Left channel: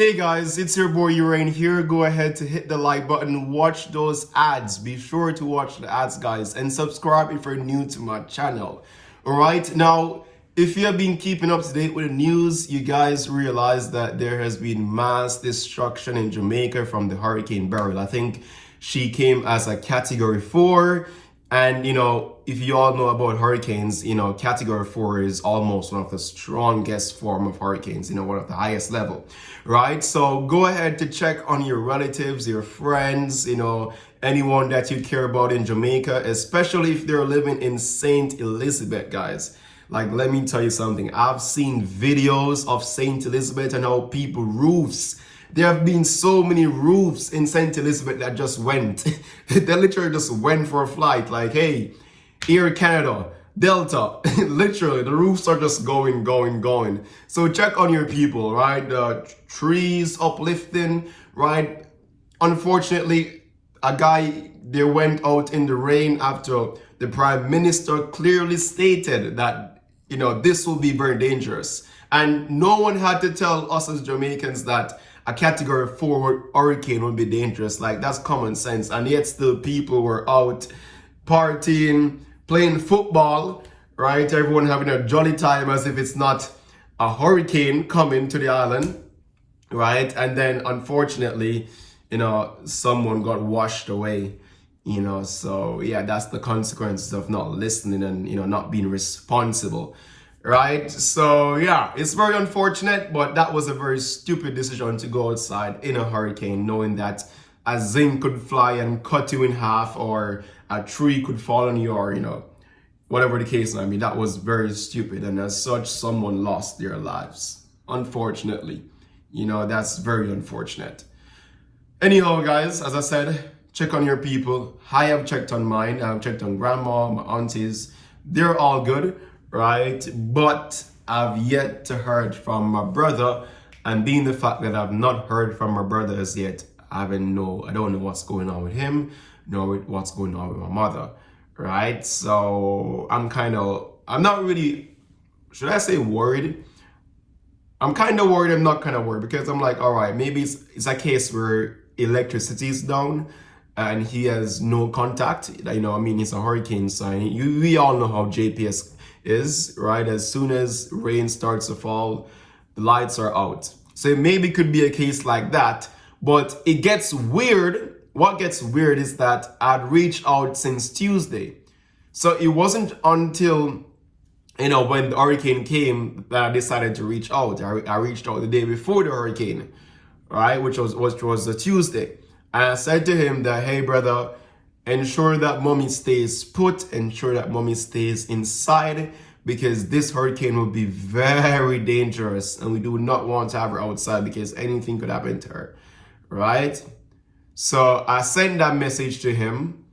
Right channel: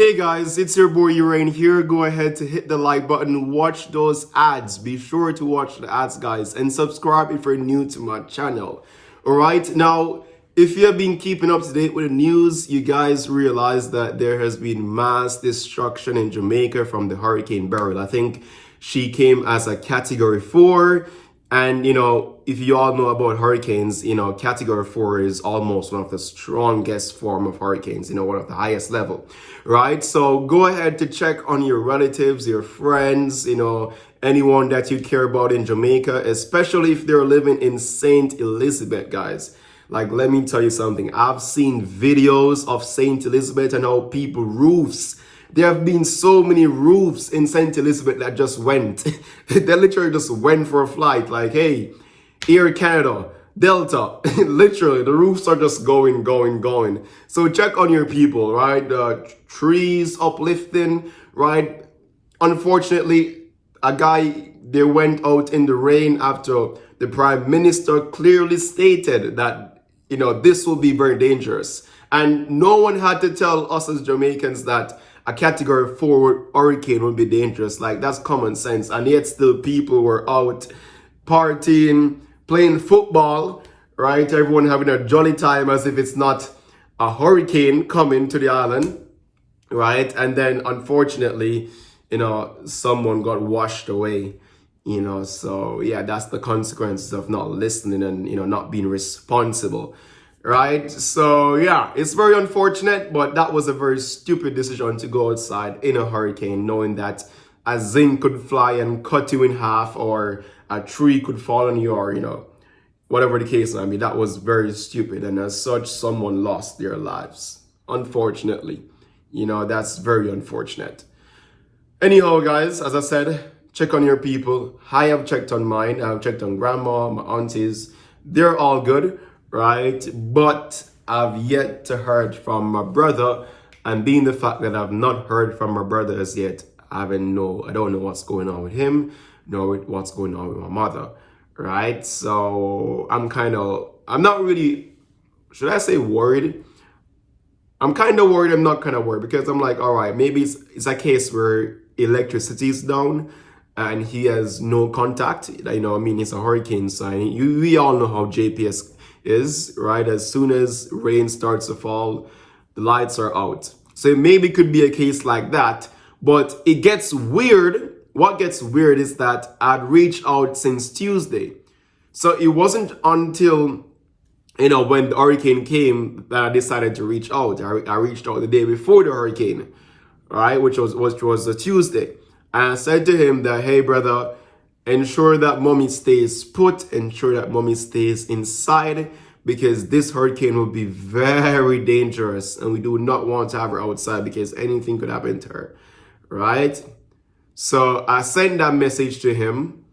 Hey guys, it's your boy Urain here. Go ahead to hit the like button, watch those ads. Be sure to watch the ads, guys, and subscribe if you're new to my channel. Alright, now, if you have been keeping up to date with the news, you guys realize that there has been mass destruction in Jamaica from the Hurricane Beryl. I think she came as a Category 4. And, if you all know about hurricanes, Category 4 is almost one of the strongest form of hurricanes, one of the highest level, right? So go ahead to check on your relatives, your friends, anyone that you care about in Jamaica, especially if they're living in St. Elizabeth, guys. Like, let me tell you something. I've seen videos of St. Elizabeth and how people roofs. There have been so many roofs in St. Elizabeth that just went. They literally just went for a flight. Like, hey, Air Canada, Delta. Literally, the roofs are just going. So check on your people, right? The trees uplifting, right? Unfortunately, they went out in the rain after the Prime Minister clearly stated that, this will be very dangerous. And no one had to tell us as Jamaicans that a Category 4 hurricane would be dangerous. Like, that's common sense. And yet still people were out partying, playing football, right? Everyone having a jolly time as if it's not a hurricane coming to the island, right? And then unfortunately, someone got washed away, so yeah, that's the consequences of not listening and, not being responsible. Right, so yeah, it's very unfortunate, but that was a very stupid decision to go outside in a hurricane, knowing that a zinc could fly and cut you in half, or a tree could fall on you, or whatever the case. I mean, that was very stupid, and as such, someone lost their lives. Unfortunately, that's very unfortunate. Anyhow, guys, as I said, check on your people. I have checked on mine. I've checked on grandma, my aunties. They're all good. Right, but I've yet to heard from my brother, and being the fact that I've not heard from my brother as yet, I don't know what's going on with him, nor what's going on with my mother, right? So I'm not really, should I say worried? I'm kind of worried. I'm not kind of worried, because I'm like, all right, maybe it's a case where electricity is down and he has no contact. It's a hurricane sign. We all know how JPS is, right? As soon as rain starts to fall, the lights are out. So it maybe could be a case like that, but it gets weird. What gets weird is that I'd reached out since Tuesday. So it wasn't until, when the hurricane came that I decided to reach out. I reached out the day before the hurricane, right? Which was a Tuesday. And I said to him that, hey, brother, ensure that mommy stays put, ensure that mommy stays inside, because this hurricane will be very dangerous and we do not want to have her outside because anything could happen to her, right? So I sent that message to him,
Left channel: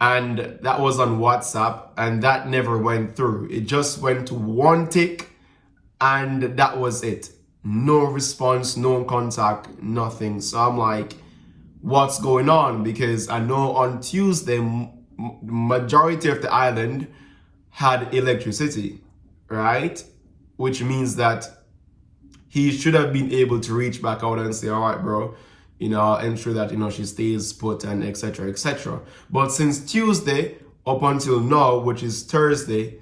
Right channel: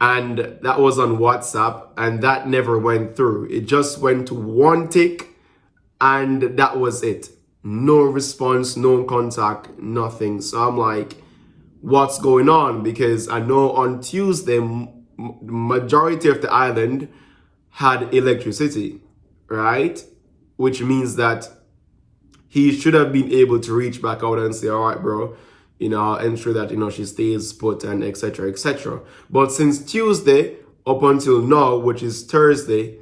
and that was on WhatsApp, and that never went through. It just went to one tick, and that was it. No response, no contact, nothing. So I'm like, what's going on? Because I know on Tuesday, majority of the island had electricity, right? Which means that he should have been able to reach back out and say, all right, bro, ensure that, she stays put, and etc., etc. But since Tuesday up until now, which is Thursday,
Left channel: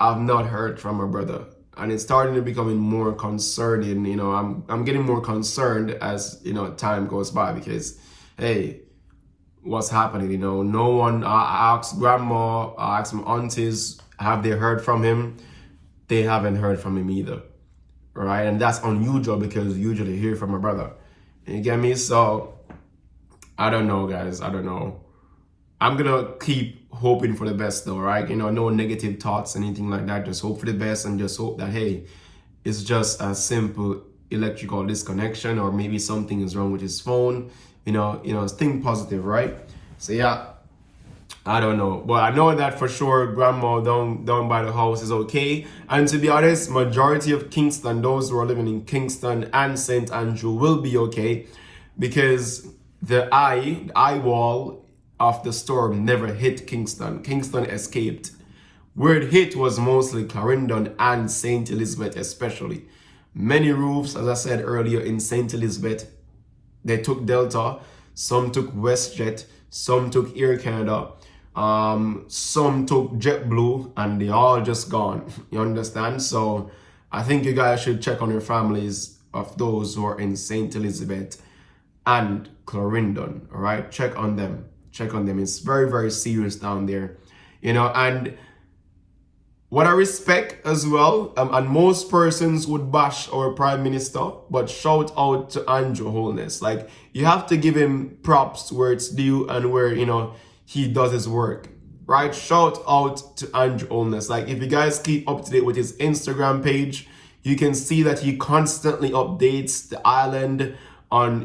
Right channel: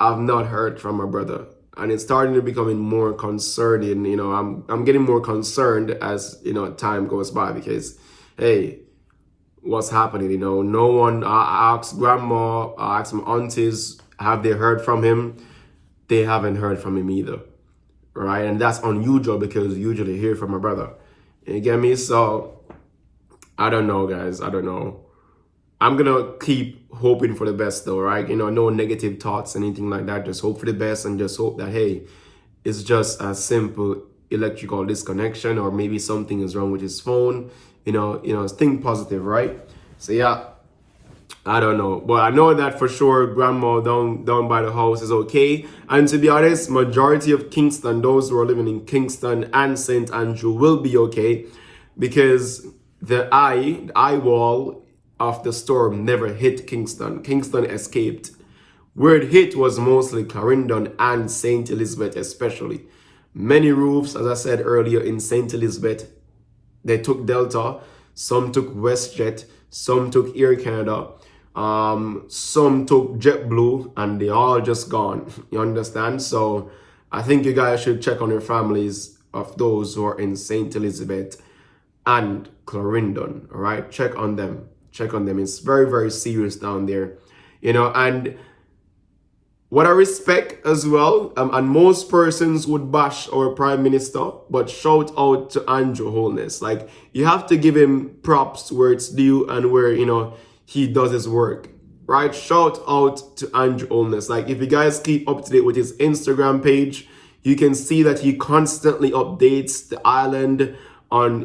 I've not heard from my brother. And it's starting to becoming more concerning. I'm getting more concerned as, time goes by, because hey, what's happening? No one. I asked grandma, I asked my aunties, have they heard from him? They haven't heard from him either, right? And that's unusual, because you usually hear from my brother. You get me? So I don't know, guys. I don't know. I'm gonna keep hoping for the best, though, right? No negative thoughts, anything like that. Just hope for the best, and just hope that, hey, it's just a simple electrical disconnection, or maybe something is wrong with his phone. Think positive, right? So yeah, I don't know, but I know that for sure grandma down by the house is okay. And to be honest, majority of Kingston, those who are living in Kingston and St. Andrew, will be okay, because the eye wall of the storm never hit Kingston. Kingston escaped. Where it hit was mostly Clarendon and St. Elizabeth especially, Many roofs, as I said earlier, in St. Elizabeth, they took Delta, some took WestJet, some took Air Canada, some took JetBlue, and they all just gone. You understand? So I think you guys should check on your families of those who are in St. Elizabeth and Clarendon. All right, check on them. Check on them. It's very, very serious down there. And what I respect as well, and most persons would bash our prime minister, but shout out to Andrew Holness. Like, you have to give him props where it's due and where, he does his work, right? Shout out to Andrew Holness. Like, if you guys keep up to date with his Instagram page, you can see that he constantly updates the island on,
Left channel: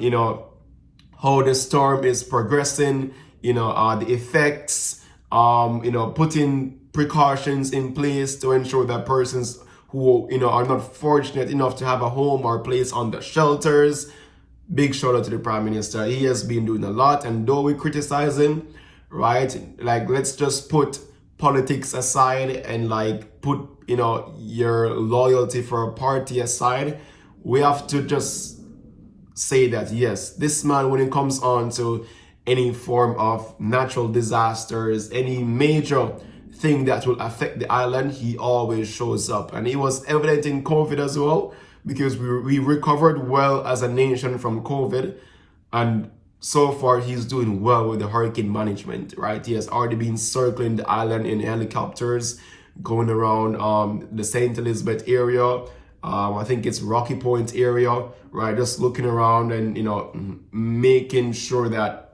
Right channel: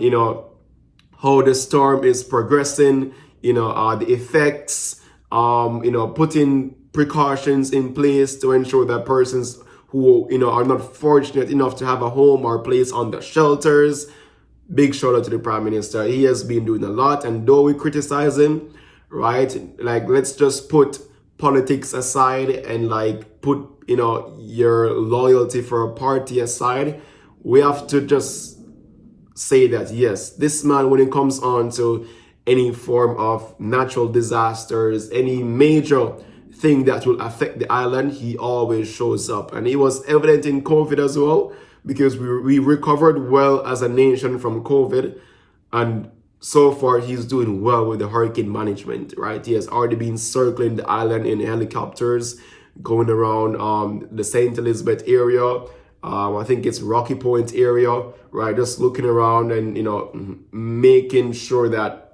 how the storm is progressing, the effects, putting precautions in place to ensure that persons who are not fortunate enough to have a home or place on the shelters. Big shout out to the Prime Minister. He has been doing a lot, and though we criticize him, right, like, let's just put politics aside and put your loyalty for a party aside. We have to just say that yes, this man, when it comes on to any form of natural disasters, any major thing that will affect the island, he always shows up. And it was evident in COVID as well, because we recovered well as a nation from COVID, and so far he's doing well with the hurricane management, right? He has already been circling the island in helicopters, going around the St. Elizabeth area, I think it's Rocky Point area, right? Just looking around and making sure that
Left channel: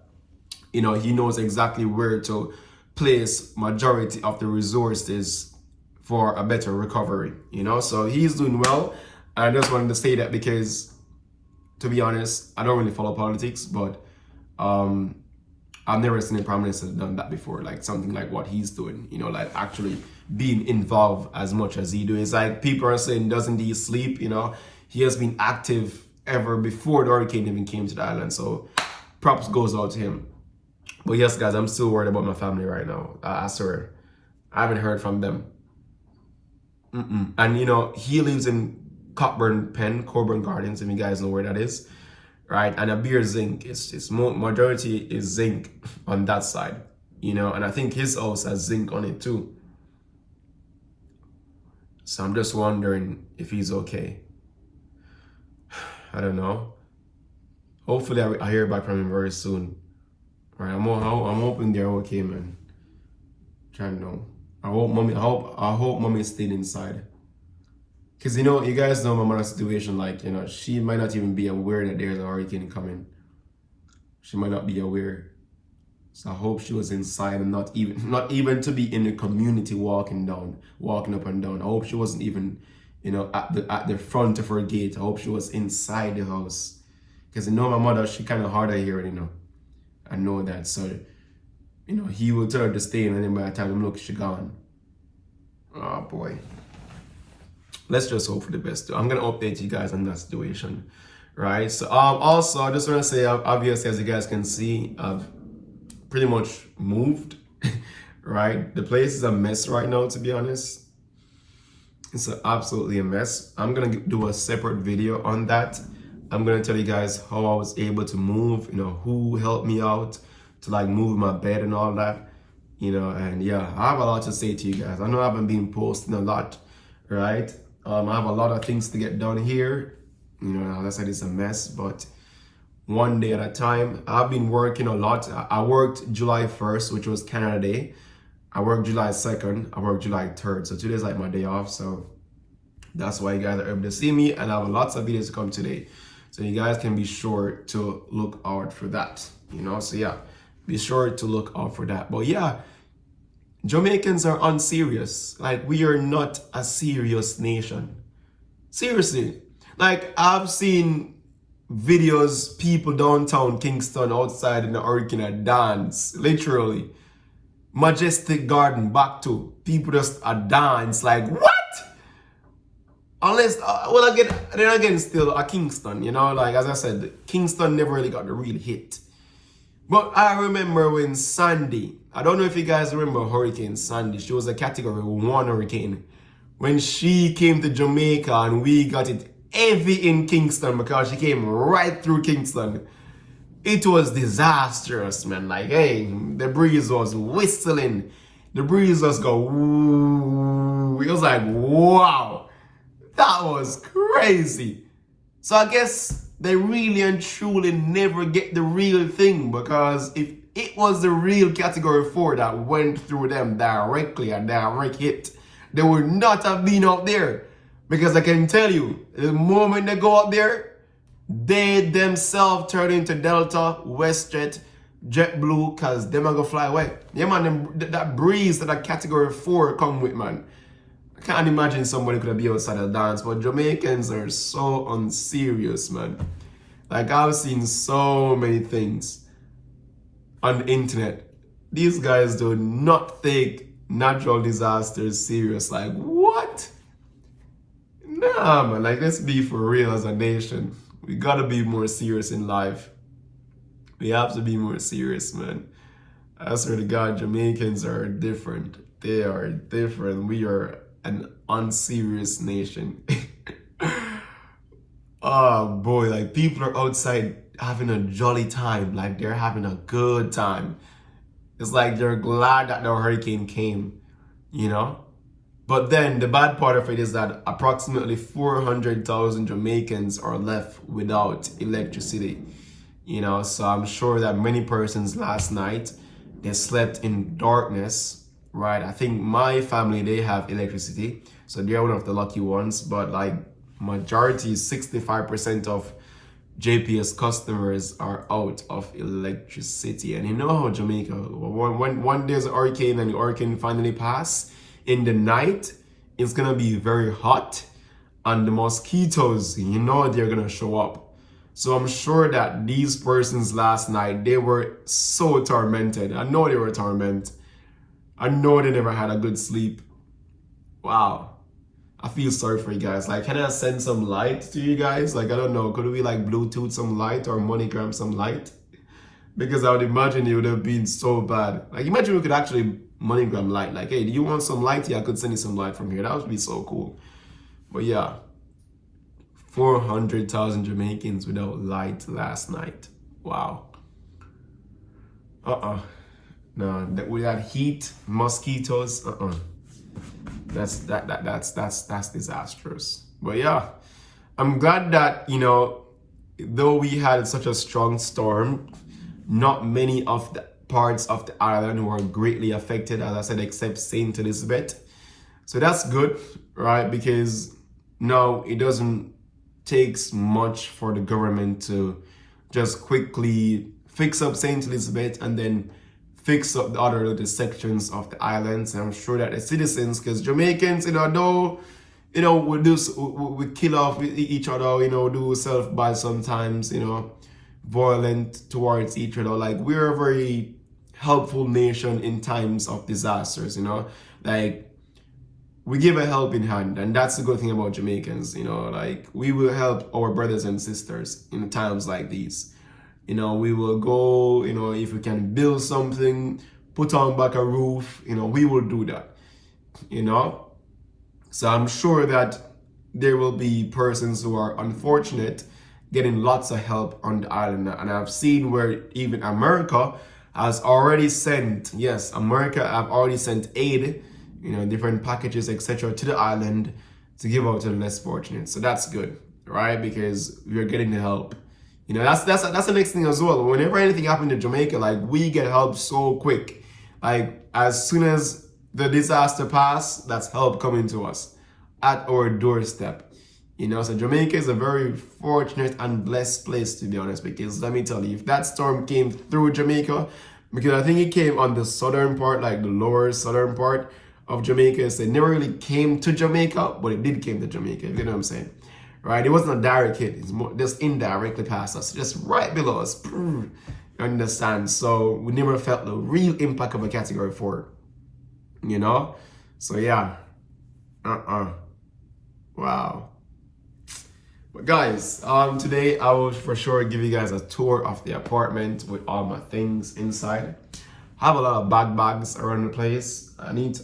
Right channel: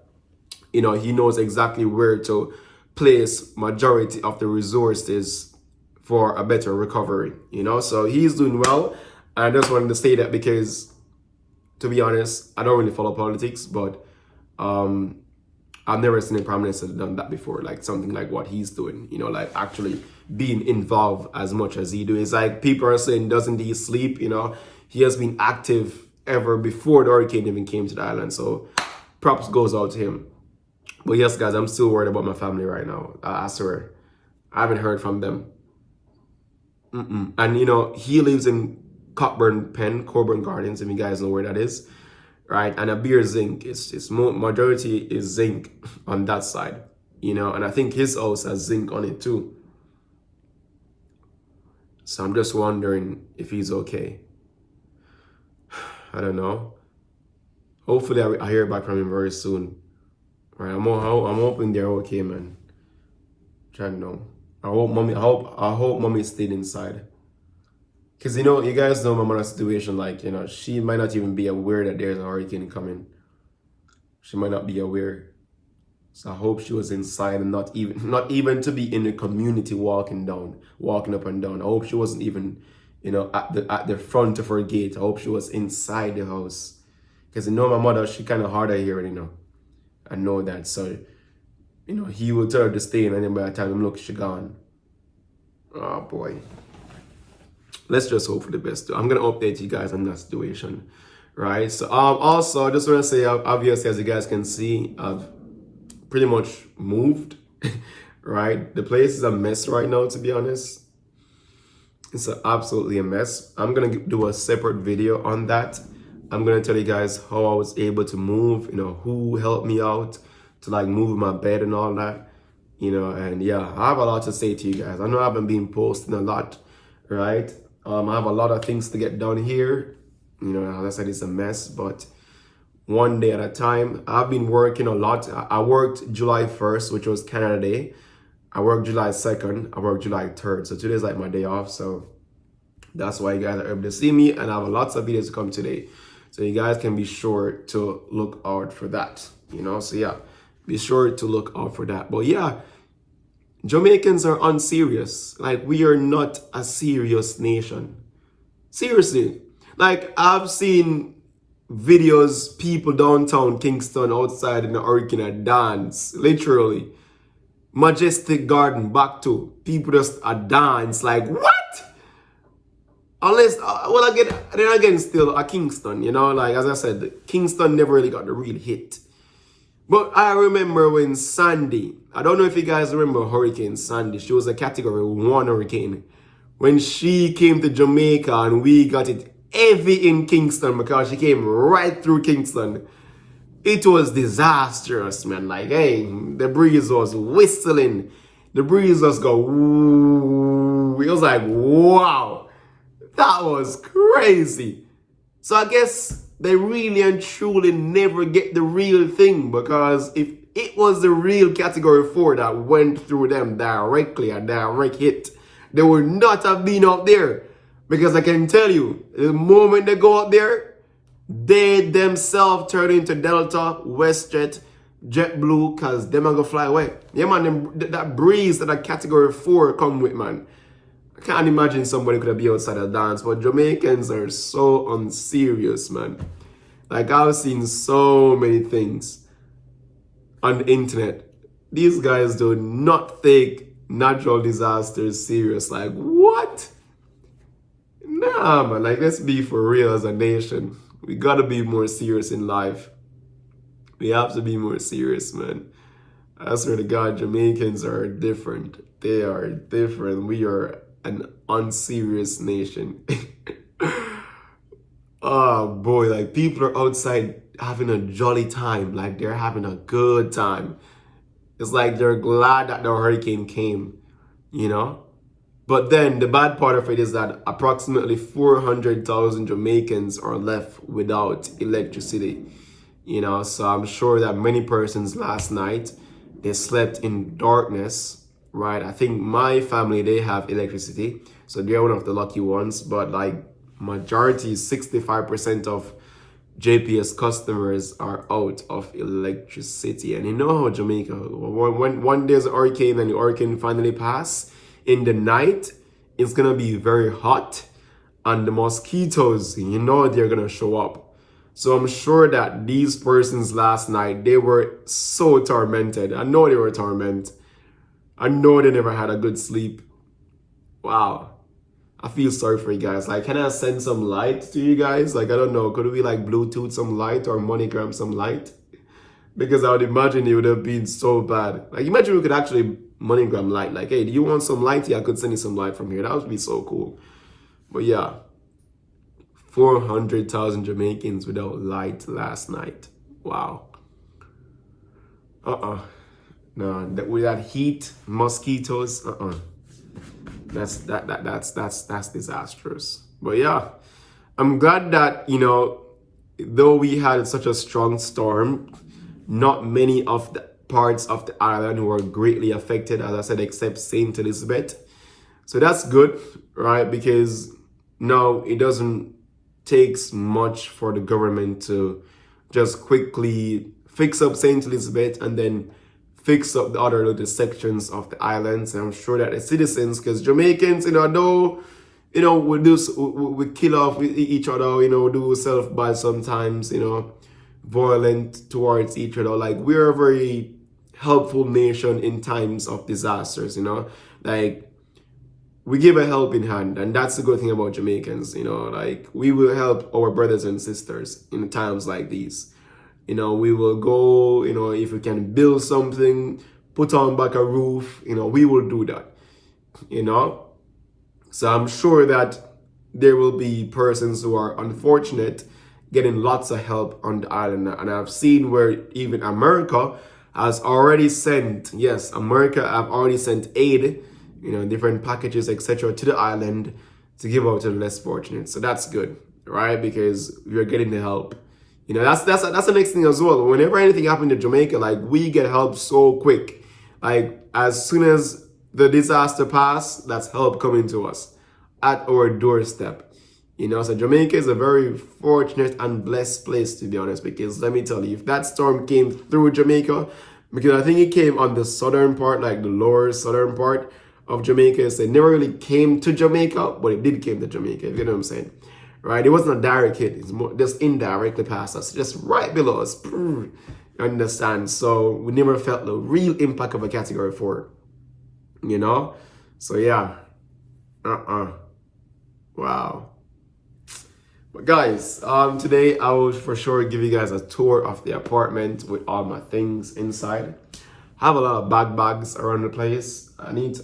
he knows exactly where to place majority of the resources for a better recovery, so he's doing well. I just wanted to say that because, to be honest, I don't really follow politics, but I've never seen a prime minister done that before, like something like what he's doing, like actually being involved as much as he do. It's like people are saying, doesn't he sleep? He has been active ever before the hurricane even came to the island, so props goes out to him. But yes, guys, I'm still worried about my family right now. I swear. I haven't heard from them. And, he lives in Cockburn Gardens, if you guys know where that is. Right? And a beer zinc. It's majority is zinc on that side. And I think his house has zinc on it too. So I'm just wondering if he's okay. I don't know. Hopefully I hear back from him very soon. Right, I'm hoping they're okay, man. Trying to know. I hope mommy stayed inside. Cause you guys know my mother's situation. Like, she might not even be aware that there's a hurricane coming. She might not be aware. So I hope she was inside and not even to be in the community walking up and down. I hope she wasn't even, at the front of her gate. I hope she was inside the house. Cause my mother, she kind of hard of hearing, I know that. So, he will tell her to stay in, and then by the time I'm look, she gone. Oh boy. Let's just hope for the best. I'm gonna update you guys on that situation, right? So, also, I just want to say, obviously, as you guys can see, I've pretty much moved, right? The place is a mess right now, to be honest. It's absolutely a mess. I'm gonna do a separate video on that. I'm gonna tell you guys how I was able to move, who helped me out to move my bed and all that, and yeah, I have a lot to say to you guys. I know I haven't been posting a lot, right? I have a lot of things to get done here. As I said, it's a mess, but one day at a time. I've been working a lot. I worked July 1st, which was Canada Day. I worked July 2nd. I worked July 3rd. So today's my day off. So that's why you guys are able to see me, and I have lots of videos to come today. So you guys can be sure to look out for that, So yeah, be sure to look out for that. But yeah, Jamaicans are unserious. We are not a serious nation. Seriously. I've seen videos, people downtown Kingston outside in the hurricane dance. Literally. Majestic Garden back to people just a dance. What? Unless, then again, still a Kingston, as I said, Kingston never really got the real hit. But I remember when Sandy, I don't know if you guys remember Hurricane Sandy, she was a category 1 hurricane. When she came to Jamaica and we got it heavy in Kingston because she came right through Kingston. It was disastrous, man. Like, hey, the breeze was whistling. The breeze just go, ooh. It was like, wow. That was crazy. So I guess they really and truly never get the real thing, because if it was the real category 4 that went through them directly, a direct hit, they would not have been out there. Because I can tell you, the moment they go out there, they themselves turn into Delta, WestJet, JetBlue, because them are going to fly away. Yeah, man, that breeze that that category 4 come with, man. I can't imagine somebody could be outside a dance, but Jamaicans are so unserious, man. Like, I've seen so many things on the internet. These guys do not take natural disasters serious. Like, what? Nah, man, like, let's be for real as a nation. We gotta be more serious in life. We have to be more serious, man. I swear to God, Jamaicans are different. They are different. We are an unserious nation. Oh boy, like, people are outside having a jolly time. Like, they're having a good time. It's like they're glad that the hurricane came, you know? But then the bad part of it is that approximately 400,000 Jamaicans are left without electricity. You know, so I'm sure that many persons last night, they slept in darkness, right? I think my family, they have electricity, so they're one of the lucky ones. But like, majority, 65% of JPS customers are out of electricity. And you know how Jamaica, when there's a hurricane and the hurricane finally pass, in the night, it's gonna be very hot, and the mosquitoes, you know, they're gonna show up. So I'm sure that these persons last night, they were so tormented. I know they were tormented. I know they never had a good sleep. Wow. I feel sorry for you guys. Like, can I send some light to you guys? Like, I don't know, could we like Bluetooth some light or MoneyGram some light? Because I would imagine it would have been so bad. Like, imagine we could actually MoneyGram light. Like, hey, do you want some light? Yeah, I could send you some light from here. That would be so cool. But yeah, 400,000 Jamaicans without light last night. Wow. No, with that heat, mosquitoes. That's disastrous. But yeah, I'm glad that, you know, though we had such a strong storm, not many of the parts of the island were greatly affected, as I said, except St. Elizabeth. So that's good, right? Because now it doesn't take much for the government to just quickly fix up St. Elizabeth and then fix up the other little sections of the islands. And I'm sure that the citizens, because Jamaicans, you know, though, you know, we kill off each other, you know, do self-bad sometimes, you know, violent towards each other. Like, we're a very helpful nation in times of disasters, you know, like, we give a helping hand, and that's the good thing about Jamaicans, you know, like, we will help our brothers and sisters in times like these. You know, we will go, you know, if we can build something, put on back a roof, you know, we will do that, you know. So I'm sure that there will be persons who are unfortunate getting lots of help on the island. And I've seen where even America has already sent, yes, America have already sent aid, you know, different packages, etc., to the island to give out to the less fortunate. So that's good, right? Because we're getting the help. You know, that's the next thing as well. Whenever anything happened to Jamaica, like, we get help so quick. Like, as soon as the disaster passed, that's help coming to us at our doorstep. You know, so Jamaica is a very fortunate and blessed place, to be honest, because let me tell you, if that storm came through Jamaica, because I think it came on the southern part, like the lower southern part of Jamaica, so it never really came to Jamaica, but it did came to Jamaica, you know what I'm saying? Right? It wasn't a direct hit, it's more just indirectly past us, just right below us. You understand? So we never felt the real impact of a category 4. You know? So yeah. Wow. But guys, today I will for sure give you guys a tour of the apartment with all my things inside. I have a lot of bags around the place. I need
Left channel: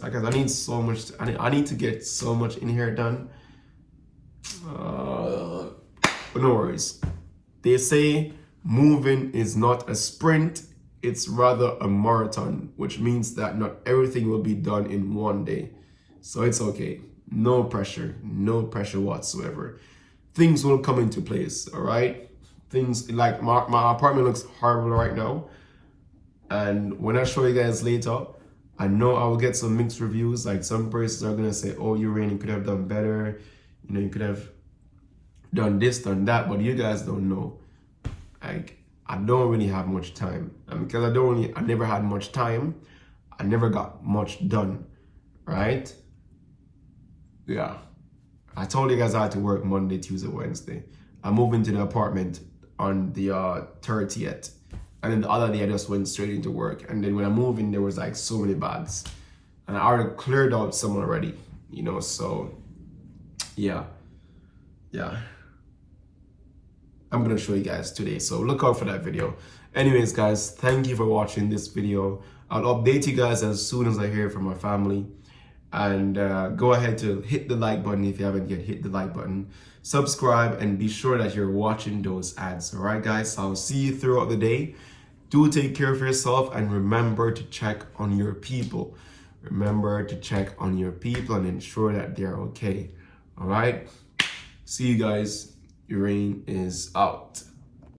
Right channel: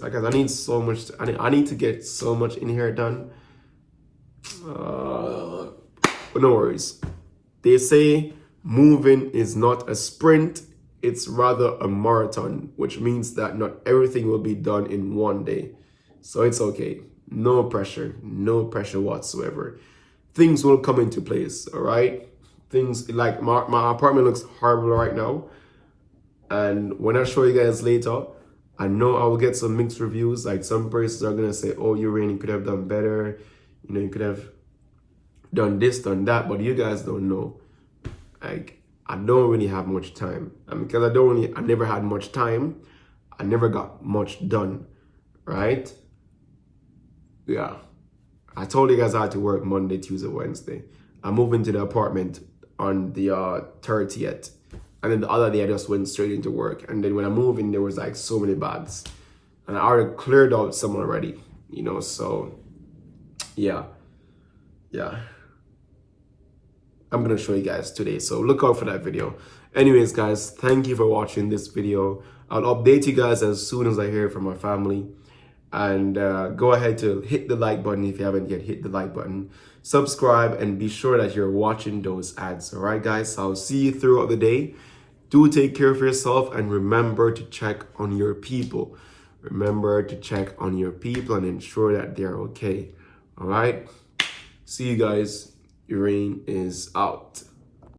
so much. I need to get so much in here done. But no worries. They say moving is not a sprint, it's rather a marathon, which means that not everything will be done in one day. So it's okay. No pressure whatsoever. Things will come into place, all right? Things like my apartment looks horrible right now. And when I show you guys later, I know I will get some mixed reviews. Like some persons are gonna say, oh, you could have done better. You know, you could have done this, done that, but you guys don't know. Like, I don't really have much time. And because I never had much time, I never got much done, right? Yeah. I told you guys I had to work Monday, Tuesday, Wednesday. I moved into the apartment on the 30th. And then the other day I just went straight into work. And then when I moved in, there was like so many bags. And I already cleared out some already, you know, so yeah. I'm gonna show you guys today, so look out for that video. Anyways, guys, thank you for watching this video. I'll update you guys as soon as I hear from my family. And go ahead to hit the like button if you haven't yet hit the like button. Subscribe and be sure that you're watching those ads. All right, guys, I'll see you throughout the day. Do take care of yourself and remember to check on your people. Remember to check on your people and ensure that they're okay. All right, see you guys. Irene is out.